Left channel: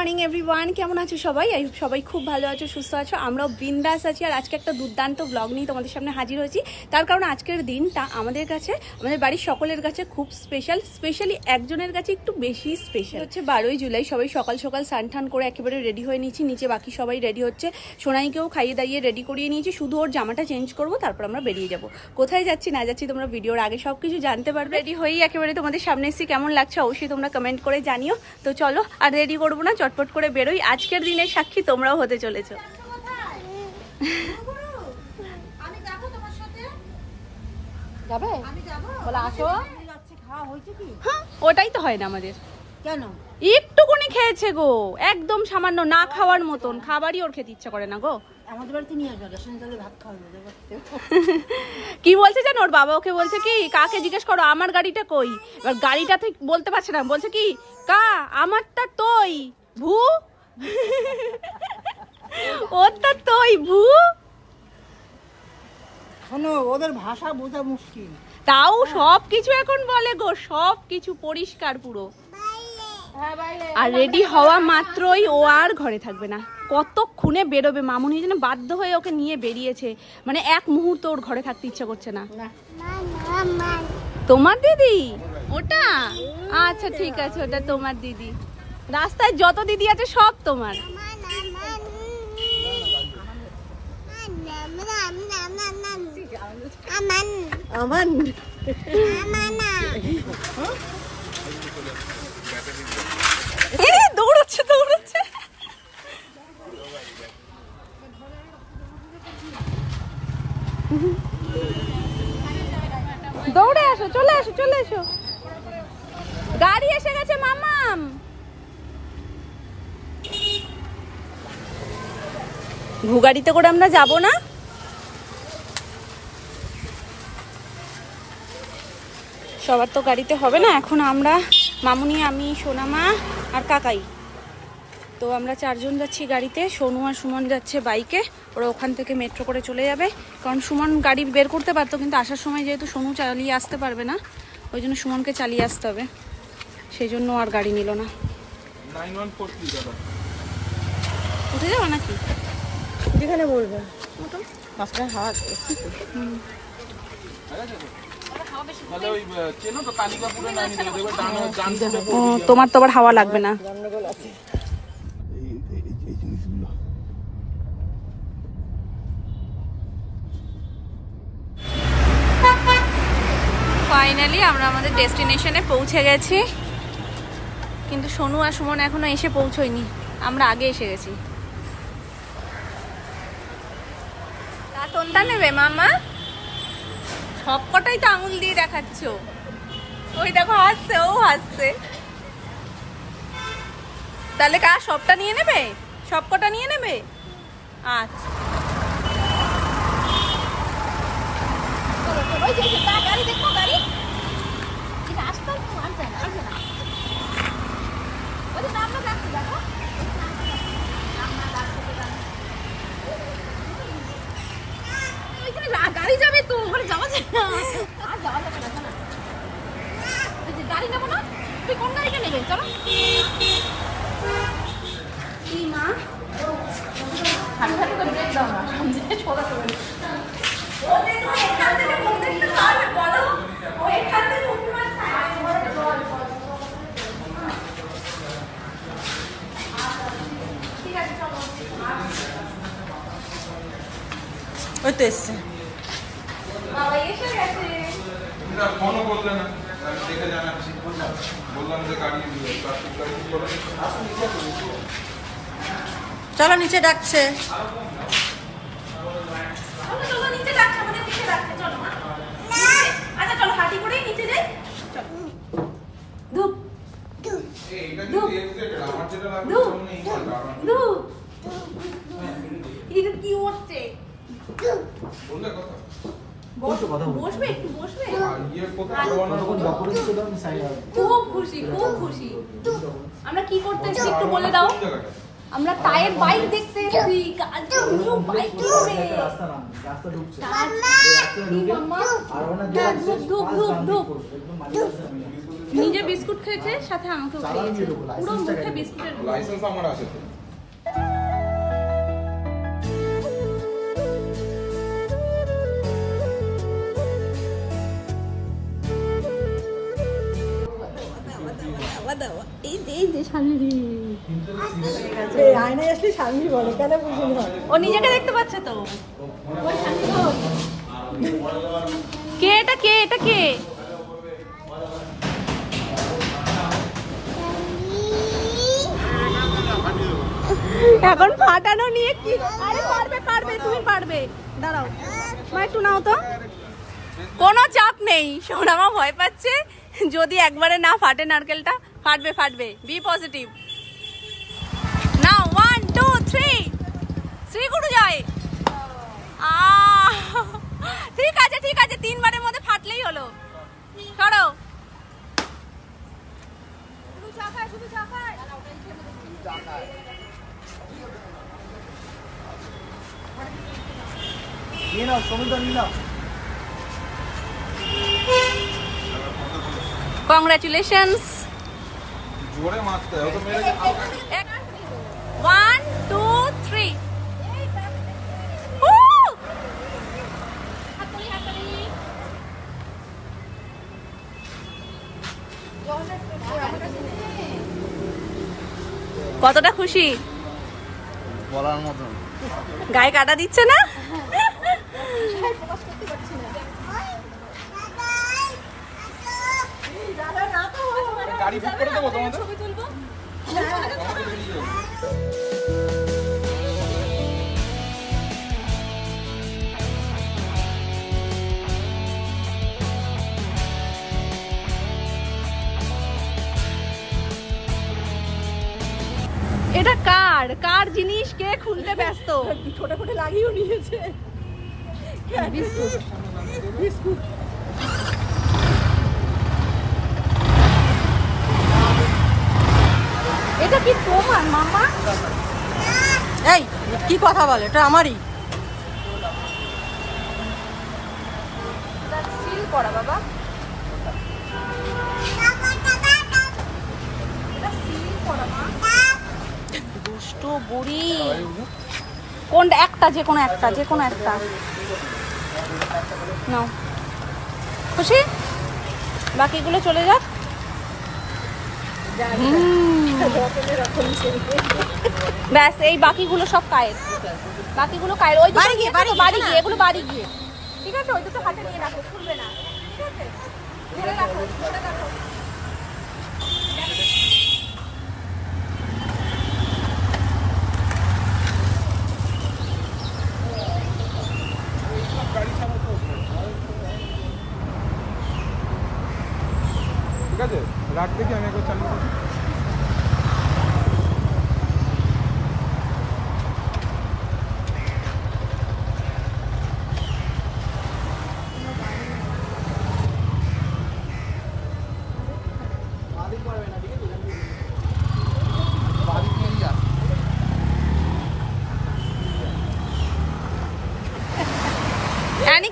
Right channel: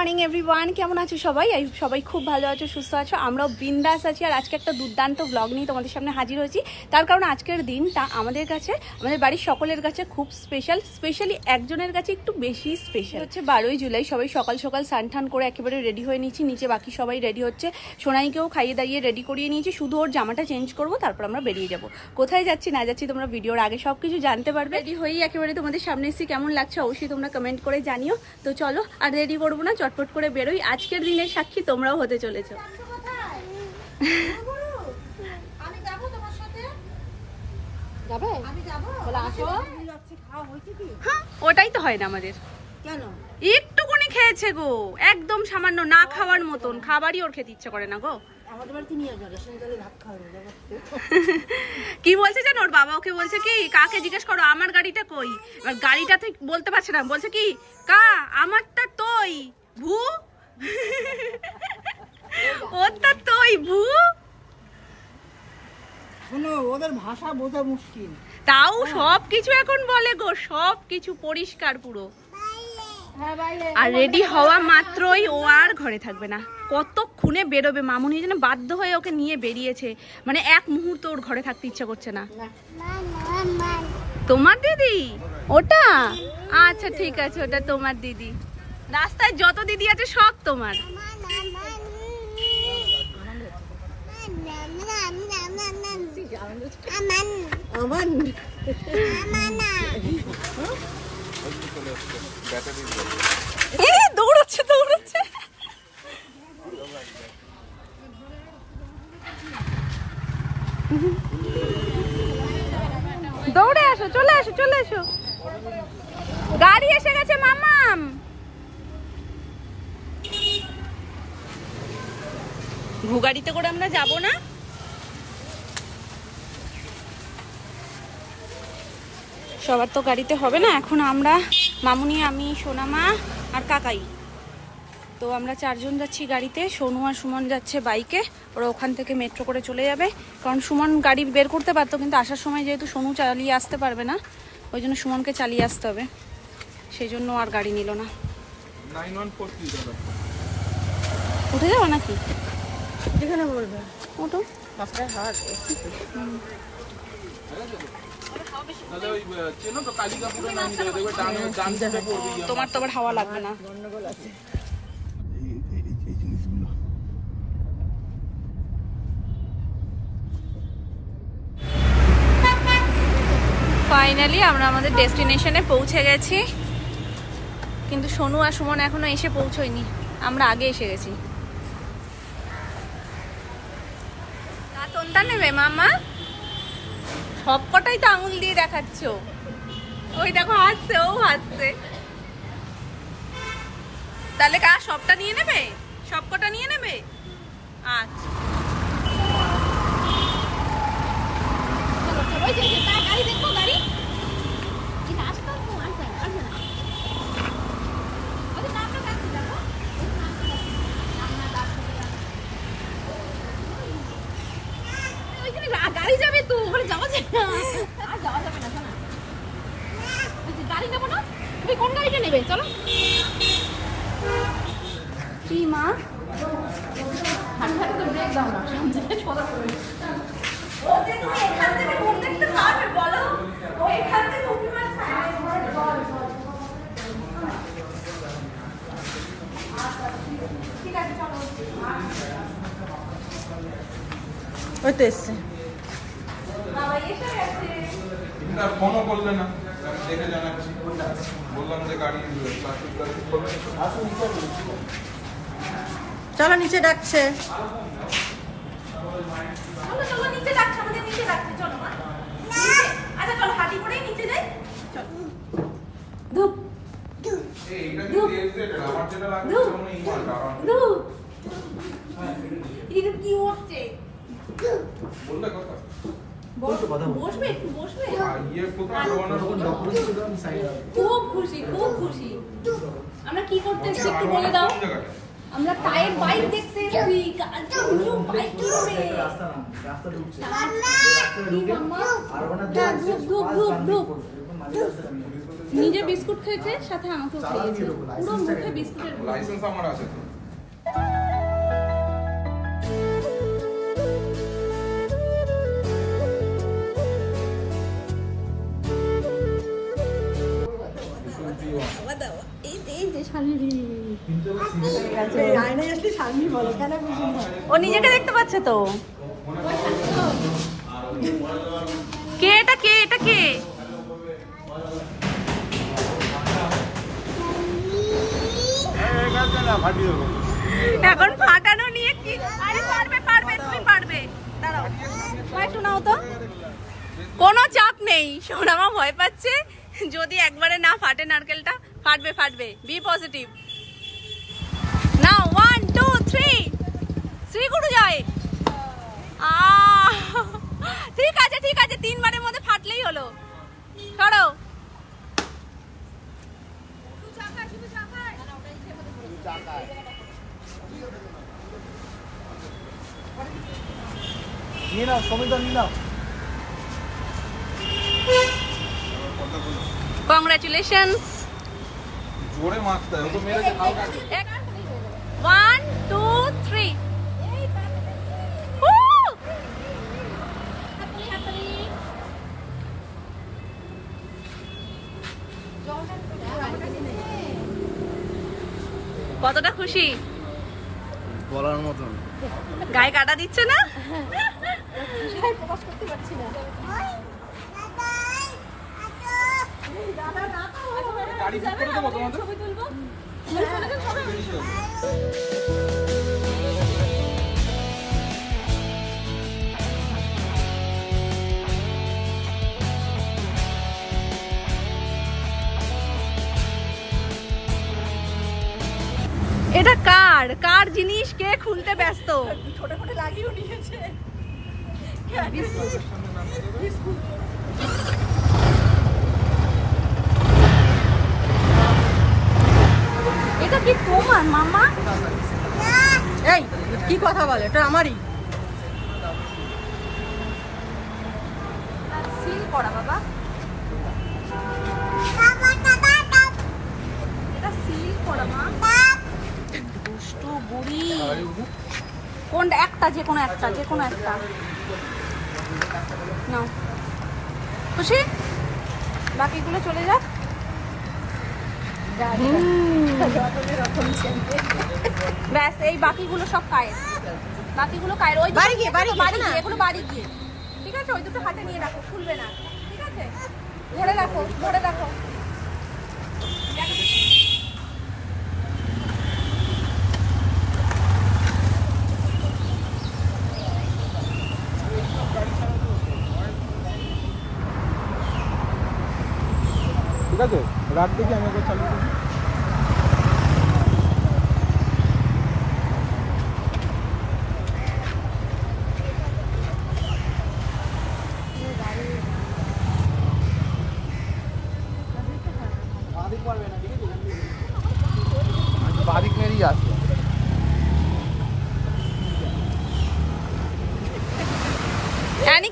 Morning everyone, কেমন আছো সবাই? সবাই খুব ভালো আছো, সুস্থ আছো, আমরাও বিন্দাস আছি। আর আজকে একটা দুর্দান্ত ব্লগ নিয়ে তোমাদের সামনে হাজির হয়েছি। তার কারণ আজকের দিনটা আমাদের কাছে, আমাদের বাড়ির সকলের কাছে খুব স্পেশাল। স্পেশালি একজনের কাছে একটু বেশি স্পেশাল। হচ্ছে 12ই জুলাই। সবাই সকাল সকাল স্নান টান করে একেবারে রেডি হয়ে নিয়েছি। নিচে বাকি সবাই রেডি হচ্ছে। সোনাইকেও খাইয়ে দাইয়ে রেডি করিয়ে নিয়েছি, শুধু ওর জামাটা চেঞ্জ করবো, তারপর আমরা বেরিয়ে যাবো। কোথায় যাচ্ছি না যাচ্ছি তোমরা ভিডিওর আগে সবকিছু জানতে পারবে। রেডি হয়েই একেবারে তোমাদের সামনে এসেছি। কেমন লাগছে অবশ্যই তোমরা কমেন্ট করে জানিও। তো চলো আর দেরি করবো না, চটপট করে বেরোই। আজকের দিনের সাক্ষী তোমরাও হতে চলেছো। ওটাই তো হয় না আমাদের। কেন একটুকুনি খেয়েছে গো, একদম সামান্য, না খাওয়ার মতন। খাবারই ওর খেতে ইচ্ছা করে না গো। কি বলছে জানো, ওর বাবা ওকে বলছে কি, কাকে জিজ্ঞেস করো আমার গাড়িটা কই। এবার গাড়িটাতে বলতে পারছে না, বলছে কি, কা আমারটা তোই ভু, ওরটা তোই ভু। শোনো, ওদের ভাষা বোঝা মুশকিল। তাও সবকিছু এখন বলে গো, সবকিছু পরিষ্কার পুরো। আর রেডি হওয়া মাত্রই ও আর ঘরে থাকবে না। কতক্ষণে বেরোবে, মামুনি যেন বাধ্য হয়ে ওকে নিয়ে বেরিয়েছে। মানে এক মুহূর্ত ওর ঘরে থাকতে ইচ্ছা করছে না। তোমার দিদি ওটা? আচ্ছা ঠিক আছে, ওটা তোমার দিদি। রাস্তায় যত দিদি আছে সব তোমার। দৌড়চ্ছে দৌড়চ্ছে। দৌড়ে আসো, চলে আসো চলে এসো, গাড়ি এসে গেছে মামাম। ভুগাড়িতে করে আমরা যাব না? সবার তো গাড়িতে হবে না। এখন আমরা, মামুনি, আমি, সোনামা আর কাকাই, তো আমরা 4 জন যাচ্ছি গাড়িতে। সোনু আর সুমন যাচ্ছে বাইকে। ওরা ওখান থেকে মেট্রো করে চলে যাবে, কারণ সুমন গাড়ি বের করতে পারতো, কিন্তু আসার সময় যেহেতু সোনু চালিয়ে আসতে পারবে না, ওই জন্য সুমনকে চালিয়ে আসতে হবে, সেই জন্য আর গাড়ি নিল না। উঠে যাবো নাকি? যেখানে বলবো ওঠো। তোমার তো আবার হাওয়া লাগবে না। ফাইনালি আমরা আমাদের ডেস্টিনেশনে পৌঁছে গেছি, কিন্তু সোনু আর সুমন এখনো এসে পৌঁছয়নি, আমরা আগে এসে গেছি। কোনটা নেবে মামা? সবকটাই তো আঙুল দিয়ে দেখাচ্ছ। ওই দেখো হাসছে, ও হাসছে। তাহলে কা সবটা নিয়ে নেবে? সবকটা নিয়ে নেবে? আচ্ছা গাড়ি যাবে তো, ওখানে যাওয়া যায় না। আর যাওয়া যাবে না, শোনা গাড়ি নেবো না। তুমি কোন গাড়িটা নেবে? চলো। কি মা, ওই তো এসছে। ফোনও করলে না, দেখে জানাচ্ছি। বললাম যে গাড়ি চলো, নিচে ডাকছে। নিচে ডাকছে, আমাদের নিচে ডাকছে। চলো মা। আচ্ছা চলো, হাঁটি করেই নিচে যাই। ধূপ ধূপ ধূপ ধূপ। এটা কি হচ্ছে? বসবে একটু, বসবে। খুব খুশি, খুব খুশি। আমরা কি করতে এসেছি একটু বলে দাও। আমরা টায়ার বাইক দেখতে এসেছি, নিউ বাইক কিনবে। মাম্মা ধূপ ধূপ ধূপ ধূপ। নিজে বিস্কুট খেয়েছে, সাথে আমাকেও খাইয়েছে, পুরো মুখে বিস্কুটের লাইসেন্স আমার আছে। ও নিজেকে দেখতে পাচ্ছে তো। কে এটা, কে এটা, কে? এখন ফাটানো নিয়ে কি? আরে পারবে পারবে, তুমি পারবে। দাঁড়াও শোনাও তো। কোনো চাপ নেই, সোনামা ভয় পাচ্ছে যদি একবারে না ফাটে নারকেলটা। ফাটবে ফাটবে, বি পজিটিভ। না 1 2 3 শ্রী গুরু জয়। ঠিক আছে ঠিক আছে, 3 বারের মধ্যে ফাটলেই হলো। করো। Congratulations. জোরে মারতে হবে, তো মেরে হালকা। 1 2 3 কতটা খুশি বলার মতন। গায়ে কাটা দিচ্ছে না? গাড়ি বুক করে দেবো তোমাদের? এটা কার কার জিনিস, কে খুলতে ব্যস্ত? ছোট ছোট লাগিয়েও নিয়েছে বিস্কুট। এটা কি তোমার মামা? এই কি কথা বলে, এটা আমারই। সিল করা বাবা, এটা সিল করা মা। দুষ্ট বুড়ি। কোনটা? একটা, যে কোনো একটা, যে কোনো একটা। নাও। খুশি? বাকিগুলো চলে যাক। ব্যাস, এই বাকিগুলো সব কায়ের, বাকিগুলো কায়ের। ওই বাড়ি গিয়ে, বাড়ি গিয়ে, বাড়ি না? গিয়ে, এগুলো বাড়ি গিয়ে। ঠিক আছে, ওই দুটো হাতে নিয়ে রাখো, খুলবে না। ঠিক আছে, ধরে রাখো, ধরে রাখো। ঠিক আছে, রাত থেকে আমি একবার চালু করি। বাদিক মেরি যাচ্ছে।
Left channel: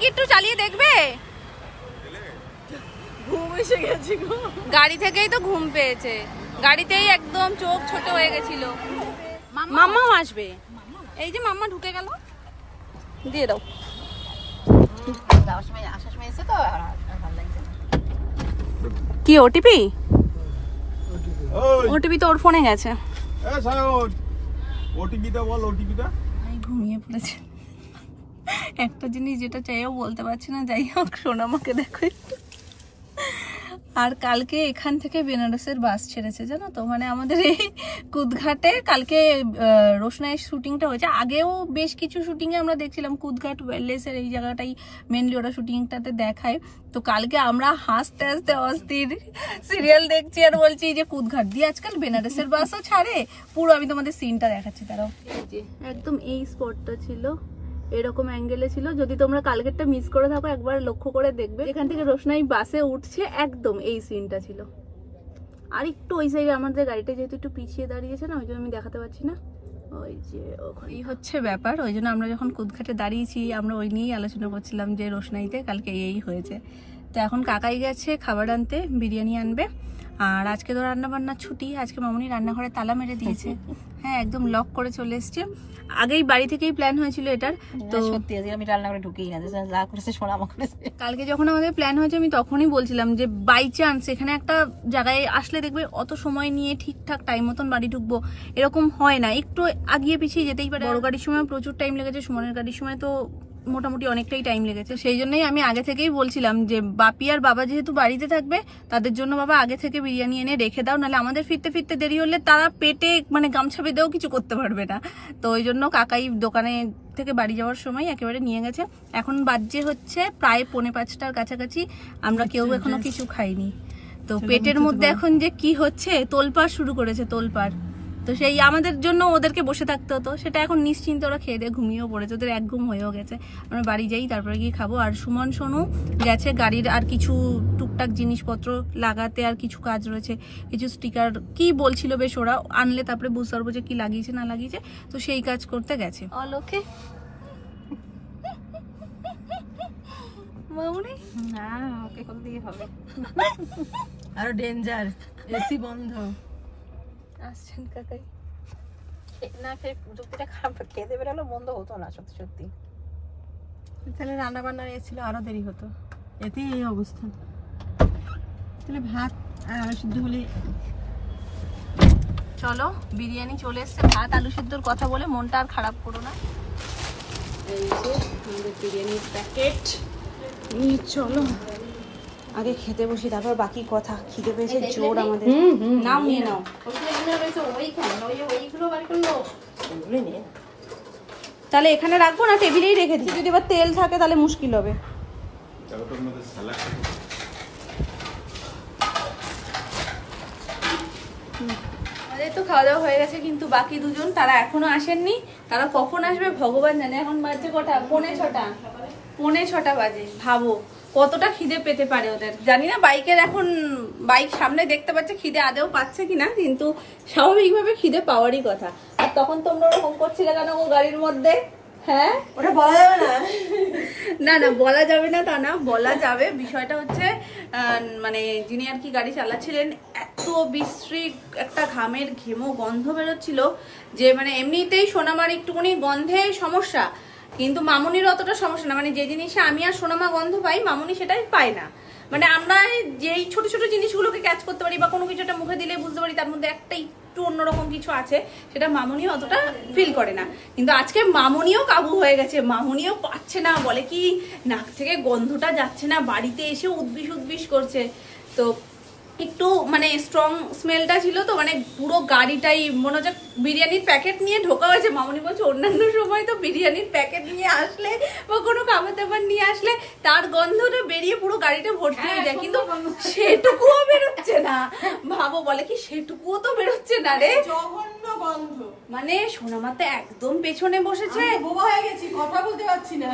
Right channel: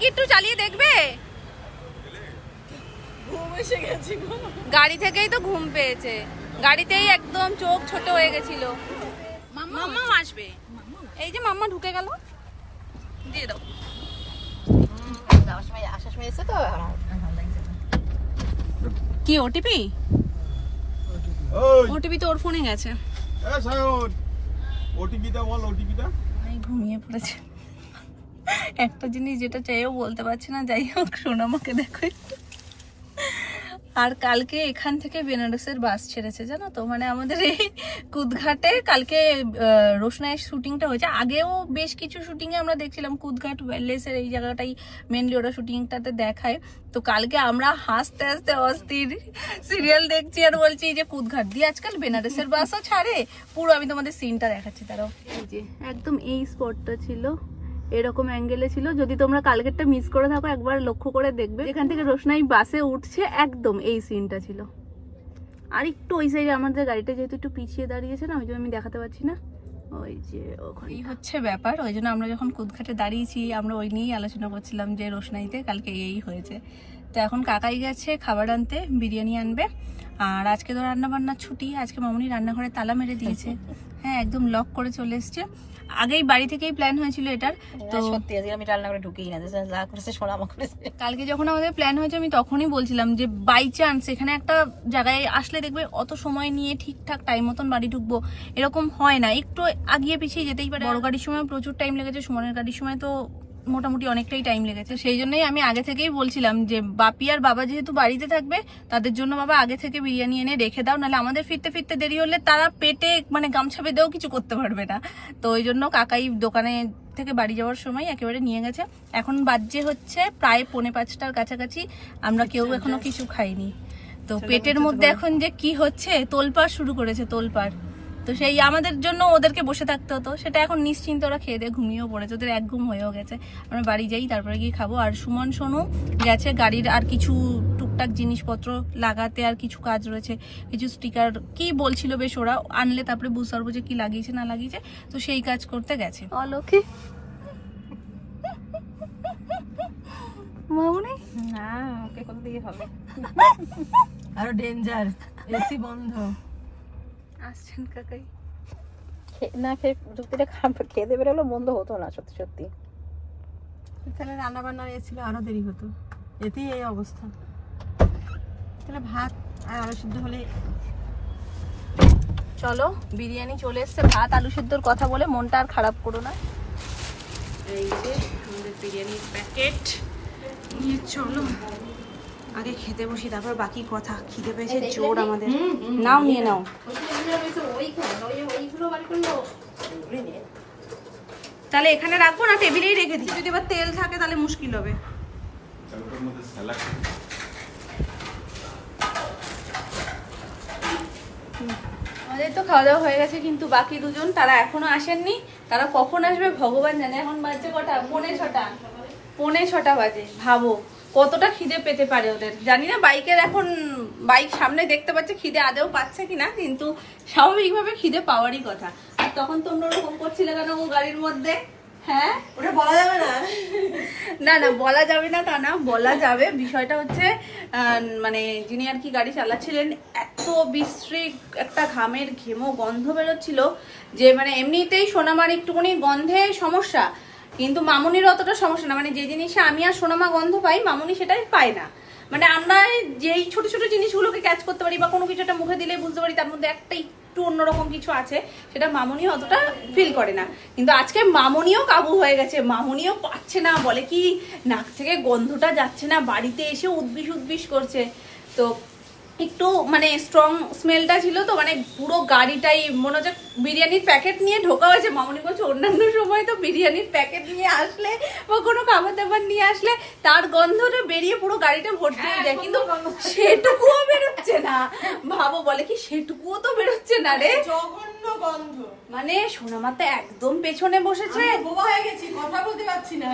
কি একটু চালিয়ে দেখবে? ঘুম এসে গেছে, গাড়ি থেকেই তো ঘুম পেয়েছে, গাড়িতেই একদম চোখ ছোট হয়ে গেছিল। মাম্মাও আসবে, এই যে মাম্মা ঢুকে গেল, দিয়ে দাও। কি ওটিপি? ওটিপি তো ওর ফোনে গেছে। ওটিপিটা বল, ওটিপিটা। ভাই ঘুমিয়ে পড়েছে, একটা জিনিস যেটা চাইও বলতে পারছি না। যাই হোক, সোনামাকে দেখো। আর কালকে এখান থেকে বেনারসের বাস ছেড়েছে, জানো তো? মানে আমাদের এই কুদঘাটে কালকে রোশনাইয়ের শুটিংটা হয়েছে। আগেও বেশ কিছু শুটিং এ আমরা দেখছিলাম কুদঘাট ওয়েললেসের এই জায়গাটাই মেনলি ওরা শুটিংটাতে দেখায়। তো কালকে আমরা হাসতে হাসতে অস্থির সিরিয়াল দেখছি আর বলছি যে কুদঘাট দিয়ে আজকাল বেনারসের বাসও ছাড়ে। পুরো আমি তোমাদের সিনটা দেখাচ্ছি, তারাও একদম এই স্পটটা ছিল, এরকম অ্যাঙ্গেলে ছিল। যদি তোমরা কালকেরটা মিস করে থাকো, একবার লক্ষ্য করে দেখবে। এখান থেকে রোশনাই বাসে উঠছে, একদম এই সিনটা ছিল। আর একটু ওই সাইডে আমাদের গাড়িটা যেহেতু একটু পিছিয়ে দাঁড়িয়েছে না, ওই জন্য আমি দেখাতে পারছি না। ওই যে ওখানে হচ্ছে ব্যাপার, ওই জন্য আমরা যখন কুদঘাটে দাঁড়িয়েছি আমরা ওই নিয়েই আলোচনা করছিলাম যে রোশনাইতে কালকে এই হয়েছে। তো এখন কাকাই গেছে খাবার আনতে, বিরিয়ানি আনবে। আর আজকে তো রান্না বান্নার ছুটি, আজকে মামুনি রান্নাঘরে তালা মেরে দিয়েছে। হ্যাঁ, একদম লক করে চলে এসছে। আগেই বাড়ি থেকেই প্ল্যান হয়েছিল এটার। তো সত্যি আজকে আমি রান্নাঘরে ঢুকেই না, যা করেছে সোনামা করেছে। কালকে যখন আমাদের প্ল্যান হয়েছে আমি তখনই বলছিলাম যে বাই চান্স এখানে একটা জায়গায় আসলে দেখবে অত সময় নিয়ে ঠিকঠাক টাইম মতন বাড়ি ঢুকবো এরকম হয় না, একটু আগিয়ে পিছিয়ে যেতেই পারে। বড় গাড়ির সময় প্রচুর টাইম লেগেছে, সুমনের গাড়ির সময় তো মোটামুটি অনেকটাই টাইম লেগেছে। সেই জন্যই আমি আগে থেকেই বলছিলাম যে বাপি আর বাবা যেহেতু বাড়িতে থাকবে তাদের জন্য বাবা আগে থেকে বিরিয়ানি এনে রেখে দাও, নাহলে আমাদের ফিরতে ফিরতে দেরি হলে তারা পেটে মানে গামছা বেঁধেও কিছু করতে পারবে না। তো ওই জন্য কাকাই দোকানে থেকে বাড়ি যাওয়ার সময় একেবারে নিয়ে গেছে। এখন বাজে হচ্ছে প্রায় 4:45টার কাছাকাছি, আমরা কেউ এখনো কিছু খাইনি। তো পেটের মধ্যে এখন যে কি হচ্ছে, তোলপাড় শুরু করেছে, তোলপাড়। তো সেই আমাদের জন্য ওদেরকে বসে থাকতে হতো, সেটা এখন নিশ্চিন্তে ওরা খেয়ে দিয়ে ঘুমিয়েও পড়েছে, ওদের এক ঘুম হয়েও গেছে। আমরা বাড়ি যাই, তারপরে গিয়ে খাবো। আর সুমন সোনু গেছে গাড়ির আর কিছু টুকটাক জিনিসপত্র লাগাতে, আর কিছু কাজ রয়েছে, কিছু স্টিকার কি বলছিল বেশ, ওরা আনলে তারপরে বুঝতে পারবো যে কি লাগিয়েছে না লাগিয়েছে। তো সেই কাজ করতে গেছে। লক্ষ্মী মামুনি না, ওকে কোন দিকে হবে আরো ডেঞ্জার, এসি বন্ধ। আসছেন কাকাই, না খেয়ে প্রযুক্তিটা খারাপ, খেয়ে দেবে হলো বন্ধ হতো না সত্যি সত্যি। তাহলে রান্না বান্না এসেছিল আরো দেরি হতো, এতেই এই অবস্থা। তাহলে ভাত আর আলু সিদ্ধ হলে। চলো বিরিয়ানি চলে এসছে, ভাত আলু সিদ্ধর কথা বলে মনটা আর খারাপ করো না। এই যে আমাদের বিরিয়ানির প্যাকেট নিয়ে চলো আগে খেতে বসি, তারপর বাকি কথা। খিদে পেয়েছে জোর আমাদের। নাও নিয়ে নাও। তাহলে এখানে রাখবো না, টেবিলেই রেখে দিই। যদি এবার তেল থাকে তাহলে মুশকিল হবে। আমাদের তো খাওয়া দাওয়া হয়ে গেছে, কিন্তু বাকি দুজন তারা এখনো আসেননি। তারা কখন আসবে ভগবান জানে। এখন বাজছে কটা? 5:45 বাজে। ভাবো কতটা খিদে পেতে পারে ওদের, জানি না। বাইকের এখন বাইক সামনে দেখতে পাচ্ছে, খিদে আদেও পাচ্ছে কিনা, কিন্তু স্বাভাবিকভাবে খিদে পাওয়ারই কথা। আর তখন তোমরা ওরকম করছিলে কেন ও গাড়ির মধ্যে? হ্যাঁ, ওটা বলা যাবে না। না না, বলা যাবে না তা না, বলা যাবে। বিষয়টা হচ্ছে মানে যিনি আর কি গাড়ি চালাচ্ছিলেন, এত বিশ্রী একটা ঘামের ঘেমো গন্ধ বেরোচ্ছিল যে মানে এমনিতেই সোনামার একটুখানি গন্ধে সমস্যা, কিন্তু মামুনির অতটা সমস্যা না। মানে যে জিনিসে আমি আর সোনামা গন্ধ পাই, মামুনি সেটাই পায় না। মানে আমরা যেই ছোট ছোট জিনিসগুলোকে ক্যাচ করতে পারি বা কোনো কিছু একটা মুখে দিলে বুঝতে পারি তার মধ্যে একটা একটু অন্যরকম কিছু আছে, সেটা মামুনিও অতটা ফিল করে না। কিন্তু আজকে মামুনিও কাবু হয়ে গেছে, মামুনিও পাচ্ছে না, বলে কি নাক থেকে গন্ধটা যাচ্ছে না, বাড়িতে এসে উদ্বিস করছে। তো একটু মানে স্ট্রং স্মেলটা ছিল, তো মানে পুরো গাড়িটাই মনে হচ্ছে বিরিয়ানির প্যাকেট নিয়ে ঢোকা হয়েছে। মামুনি বলছে অন্যান্য সময় তো বিরিয়ানির প্যাকেট নিয়ে আসলে বা কোনো খাবার দাবার নিয়ে আসলে তার গন্ধটা বেরিয়ে পুরো গাড়িটা ভর্তি হয়ে যায়, কিন্তু সেটুকুও বেরোচ্ছে না। ভাবো, বলে কি সেটুকুও তো বেরোচ্ছে না রে, জঘন্য গন্ধ। মানে সোনামা তো একদম পেছনে বসেছে, বোবা হয়ে গেছি, কথা বলতে পারছি না।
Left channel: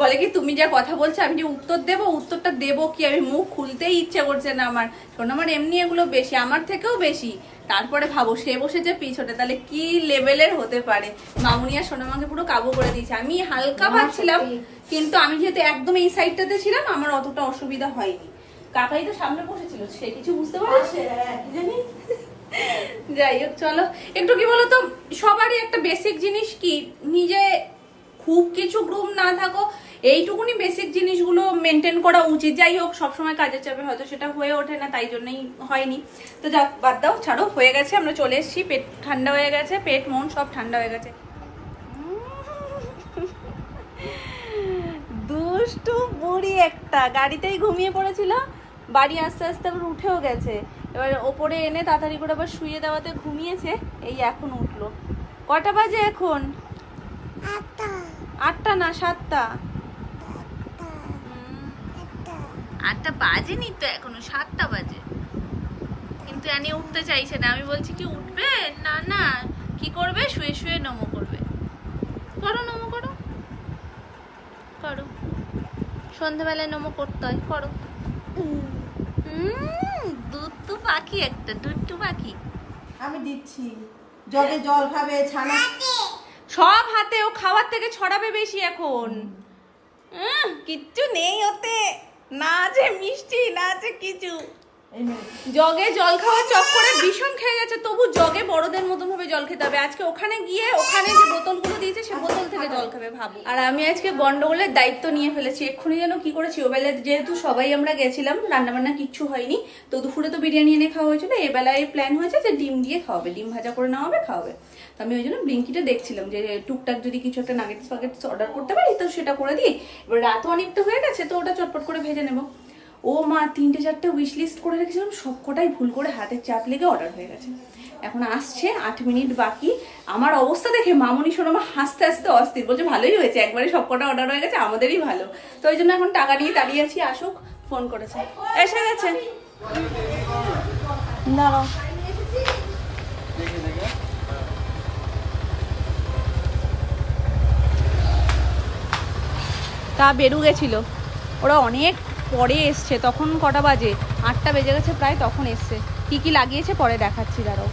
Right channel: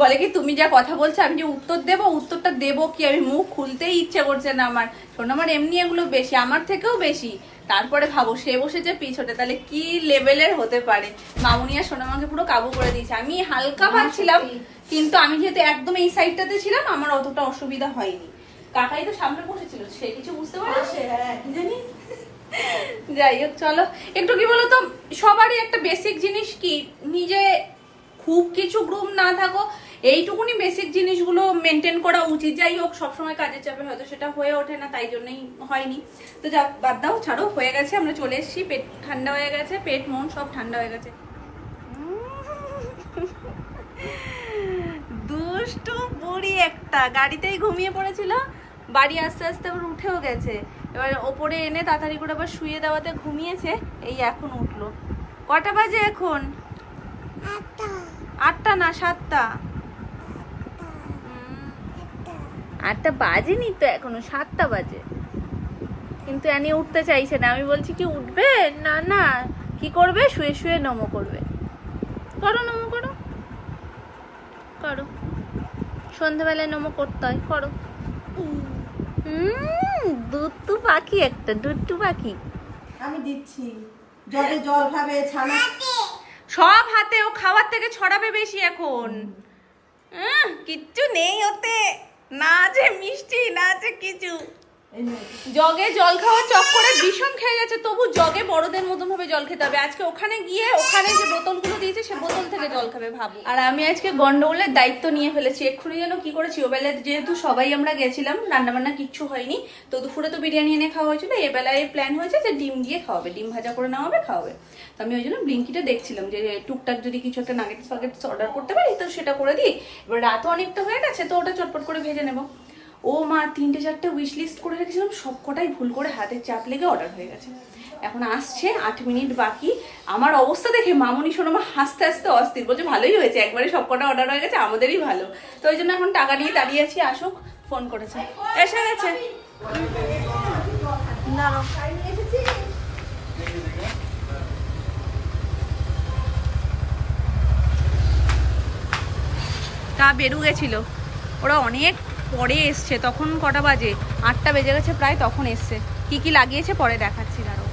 বলে কি তুমি যা কথা বলছো আমি যে উত্তর দেবো, উত্তরটা দেবো কি, আমি মুখ খুলতেই ইচ্ছে করছে না আমার। সোনামার এমনি এগুলো বেশি, আমার থেকেও বেশি। তারপরে ভাবো সে বসেছে পিছনে, তাহলে কি লেভেলের হতে পারে। মামুনি আর সোনামাকে পুরো কাবু করে দিয়েছে। আমি হালকা পাচ্ছিলাম, কিন্তু আমি যেহেতু একদম এই সাইডটাতে ছিলাম আমার অতটা অসুবিধা হয়নি। কাকাই তো সামনে বসেছিল, সে কিছু বুঝতে পারছে। যাই হোক, চলো একটু কি বলতো, সবারই একটা বেসিক জিনিস কি, নিজে খুব কিছু গ্রুম না থাকো, এইটুকুনি বেসিক জিনিসগুলো মেনটেন করা উচিত। যাই হোক, সবসময় কাজের চাপে হয়তো সেটা হয়ে ওঠে না, তাই জন্যই হয়নি। তো যাক, বাদ দাও, ছাড়ো, হয়ে গেছে, আমরা চলে এসেছি। পেট ঠান্ডা হয়ে গেছে, পেট মন সব ঠান্ডা হয়ে গেছে। দুষ্টু বুড়ি একটা, গাড়িতেই ঘুমিয়ে পড়েছিল, বাড়ি আস্তে আস্তে আবার উঠেও গেছে। এবার ওপরে এনে তাড়াতাড়ি করে আবার শুয়ে দেওয়াতে ঘুমিয়েছে, এই এখন উঠলো। কটা বাজে এখন? 8টা না 7টা। 8টা বাজেনি তো এখনো, 7টা বাজে। কিন্তু এনি উঠতে চাইছে না। আমি বলছি কি উঠবে না, না কি করবে, শুয়ে শুয়ে নমো করবে। করো নমো, করো করো, সন্ধ্যাবেলায় নমো করতে হয়, করো। দুট্টু পাখি একটা, দুট্টু পাখি। আমি দিচ্ছি, জলে জল খাবে, ছানা সব হাতে, ও খাওয়ার থেকে ছড়াবে বেশি এখন। কিচ্ছু নেই ওতে, না আছে মিষ্টি, না আছে কিছু। জগে জল খাওয়ার চক্করে ভীষণ খেয়ে যাচ্ছে, তবু জগে বড়দের মতন ভাবে জল খেতে হবে। আজকে ওখানে গিয়ে ওখানে যে বোতলগুলো দিয়েছে সে বোতল থেকে জল খাবে ভাবো। আর আমি আজকে গন্ডগোলের দায়িত্ব নিয়ে ফেলেছি। এক্ষুনি যেন কি করেছি, ওবেলায় যেহেতু সবাই আমরা গেছিলাম, রান্নাবান্না কিচ্ছু হয়নি, তো দুপুরে তো বিরিয়ানি এনে খাওয়া হয়েছিল। এবেলায় প্ল্যান হয়েছে যে ডিম দিয়ে খাওয়াবে, ডিম ভাজা করে নেওয়া হবে, খাওয়াবে। তো আমি ওই জন্য ব্লিঙ্কিটে দেখছিলাম যে টুকটাক যদি কিছু একটা নাগেটস ফাগেটস অর্ডার করতে পারি তো সেটা করে দিই। এবার রাতও অনেকটা হয়ে গেছে, তো ওটা চটপট করে ভেজে নেবো। ও মা 3-4টে উইশ লিস্ট করে রেখেছিলাম, সবকটাই ভুল করে হাতের চাপ লেগে অর্ডার হয়ে গেছে। এখন আসছে, 8 মিনিট বাকি। আমার অবস্থা দেখে মামনি সোনামা হাসতে হাসতে অস্থির, বলছে ভালোই হয়েছে, একবারে সবকটা অর্ডার হয়ে গেছে, আমাদেরই ভালো। তো ওই জন্য এখন টাকা নিয়ে দাঁড়িয়ে আছি, আসুক। ফোন করেছে, এসে গেছে। তা বেরু গেছিল, ওরা অনেক পরে এসছে। তখন কটা বাজে? 8টা বেজে গেছে প্রায়, তখন এসছে। কি কি লাগিয়েছে পরে দেখাচ্ছি দাঁড়াও।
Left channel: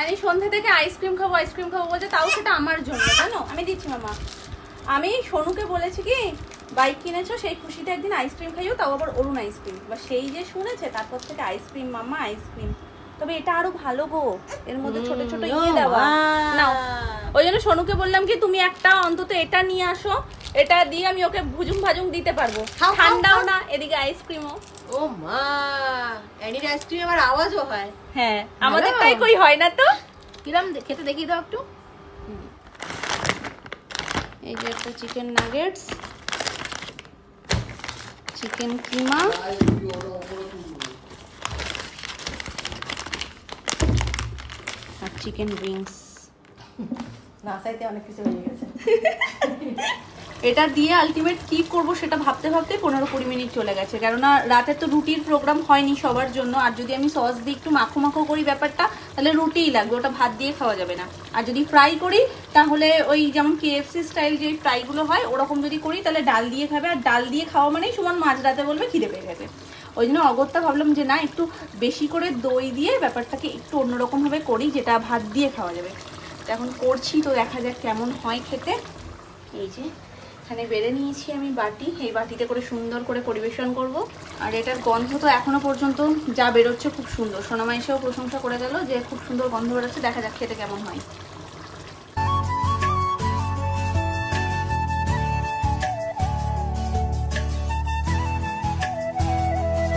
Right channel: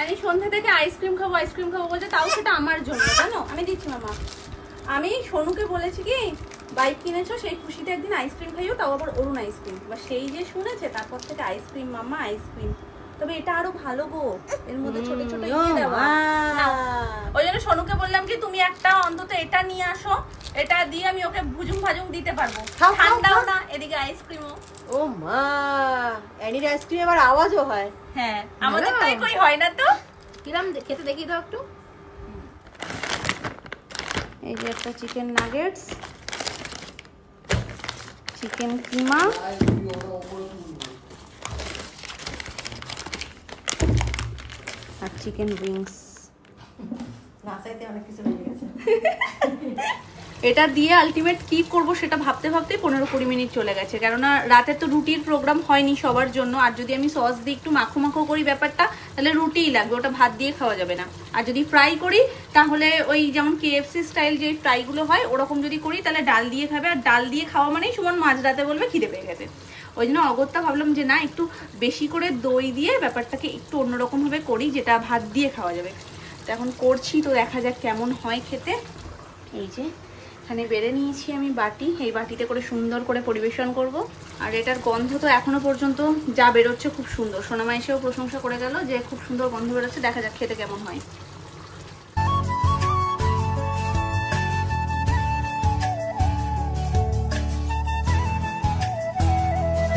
আমি সন্ধ্যা থেকে আইসক্রিম খাবো আইসক্রিম খাবো বলছে, তাও সেটা আমার জন্য, জানো? আমি দিচ্ছি মামা। আমি সোনুকে বলেছি কি বাইক কিনেছো সেই খুশিতে একদিন আইসক্রিম খাইও, তাও আবার অরুণ আইসক্রিম। বা সেই যে শুনেছে তারপর থেকে আইসক্রিম মামা আইসক্রিম। তবে এটা আরো ভালো গো, এর মধ্যে ছোট ছোট ইয়ে দেওয়া। ওই জন্য সোনুকে বললাম কি তুমি একটা অন্তত এটা নিয়ে আসো, এটা দিয়ে আমি ওকে ভুজুং ভাজুং দিতে পারবো, ঠান্ডাও না এদিকে আইসক্রিমও। ও মা, এনির আইসক্রিম আবার আওয়াজও হয়। হ্যাঁ, আমাদের তাই কই হয় না তো। কিরম খেতে দেখি দাও একটু। এই যে একটা চিকেন নাগেটস, চিকেন কিমা, আর চিকেন উইংস। নাসাইতে অনেক কিছু হয়ে গেছে। এটা দিয়ে আলটিমেট কি করব সেটা ভাবতে ভাবতে 15-20 মিনিট চলে গেছে। কেননা রাতে তো রুটির প্রোগ্রাম হয়নি সবার জন্য, আর যদি আমি সস দিয়ে একটু মাখো মাখো করি ব্যাপারটা, তাহলে রুটিই লাগবে, ওটা ভাত দিয়ে খাওয়া যাবে না। আর যদি ফ্রাই করি তাহলে ওই যেমন KFC স্টাইল যে ফ্রাইগুলো হয় ওরকম যদি করি তাহলে ডাল দিয়ে খাবে, আর ডাল দিয়ে খাওয়া মানেই সমান মাঝরাতে বলবে খিদে পেয়ে গেছে। ওই জন্য অগত্যা ভাবলাম যে না, একটু বেশি করে দই দিয়ে ব্যাপারটাকে একটু অন্যরকম ভাবে করি, যেটা ভাত দিয়ে খাওয়া যাবে। তো এখন করছি, তো দেখা যাক কেমন হয় খেতে। এই যে এখানে বেড়ে নিয়েছি আমি বাটি, এই বাটিতে করে সুন্দর করে পরিবেশন করব। আর এটার গন্ধ তো এখনো পর্যন্ত যা বেরোচ্ছে খুব সুন্দর। সোনামা এসেও প্রশংসা করে গেল যে খুব সুন্দর গন্ধ বেরোচ্ছে, দেখা যাক খেতে কেমন হয়।